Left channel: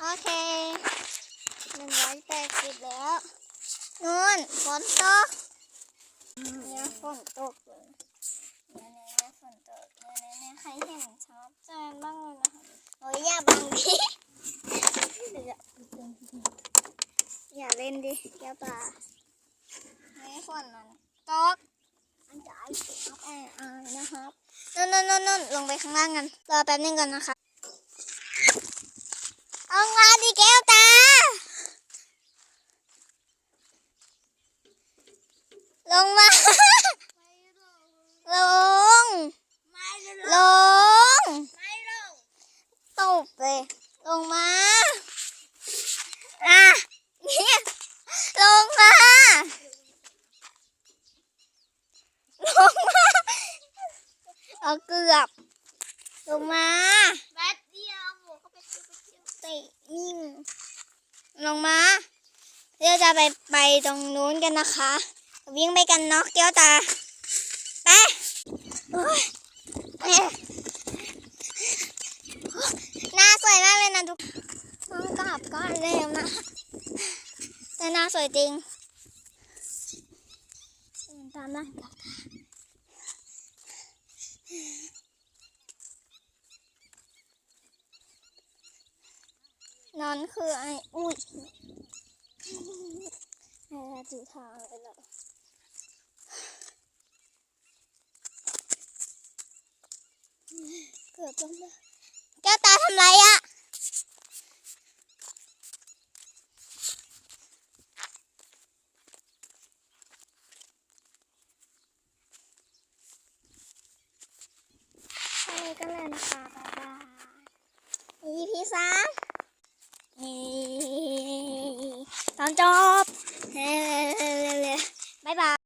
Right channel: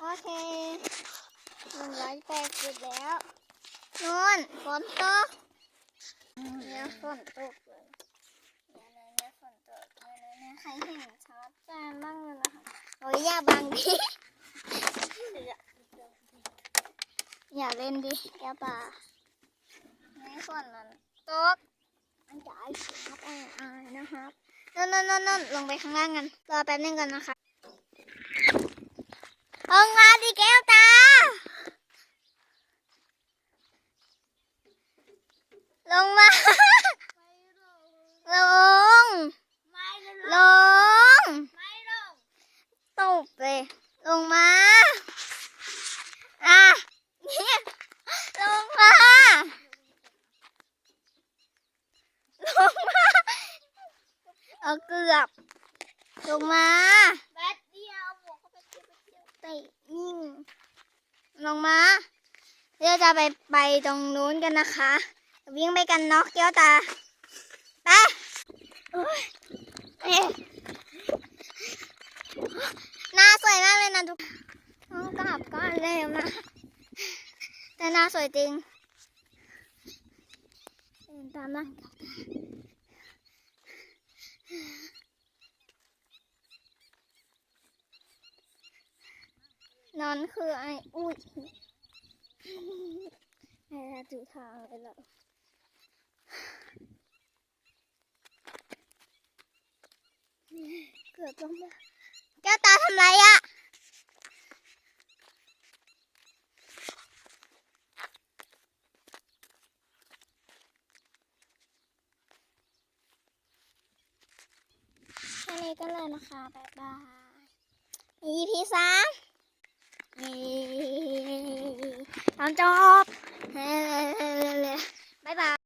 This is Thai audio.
โอเคหนึ่งร้อยแปดสิบแล้วนู่นฝนตกเนี่ยฝนตกเลยเนี่ยเนี่ยเนี่ยฝนตกเนี่ยเนี่ยเนี่ยใครเห็นชัดเจนบ้างเลยนะคะโอ้ยอย่าบังดิอย่าเล่นดิแก้วตานี่ฝนมันตกอันจะไอ้ครับไอ้ไอ้นะครับนนนนนนลงไปข้างล่างกันรอแป๊บนึงก่อนนะคะ เอางาดิแก้วตา ลงมา ลง ลง ตบเลย ลงมา อะ ลงมา ลงมา เอาเกือบ ลงมา นิ่ง ลงมาเดี๋ยวจะไปไปตรงนู้นกันนะคะ วิ่งไปกันเนาะเกี้ยวตาไปหน้าสวยมากเลยนะทุกต้องกลับก็เร็วนะ แต่หน้าสวยจริงตามหลังกี้ยวตา นอนคือไอ้อุ้ยไอ้ละจูทางเลยเหรอเกือบลงมาแก้วตาทำไรอะแค่นี้ก็เลยนะคะบ๊ายบาย EP สาม อนจบ บ๊ายบาย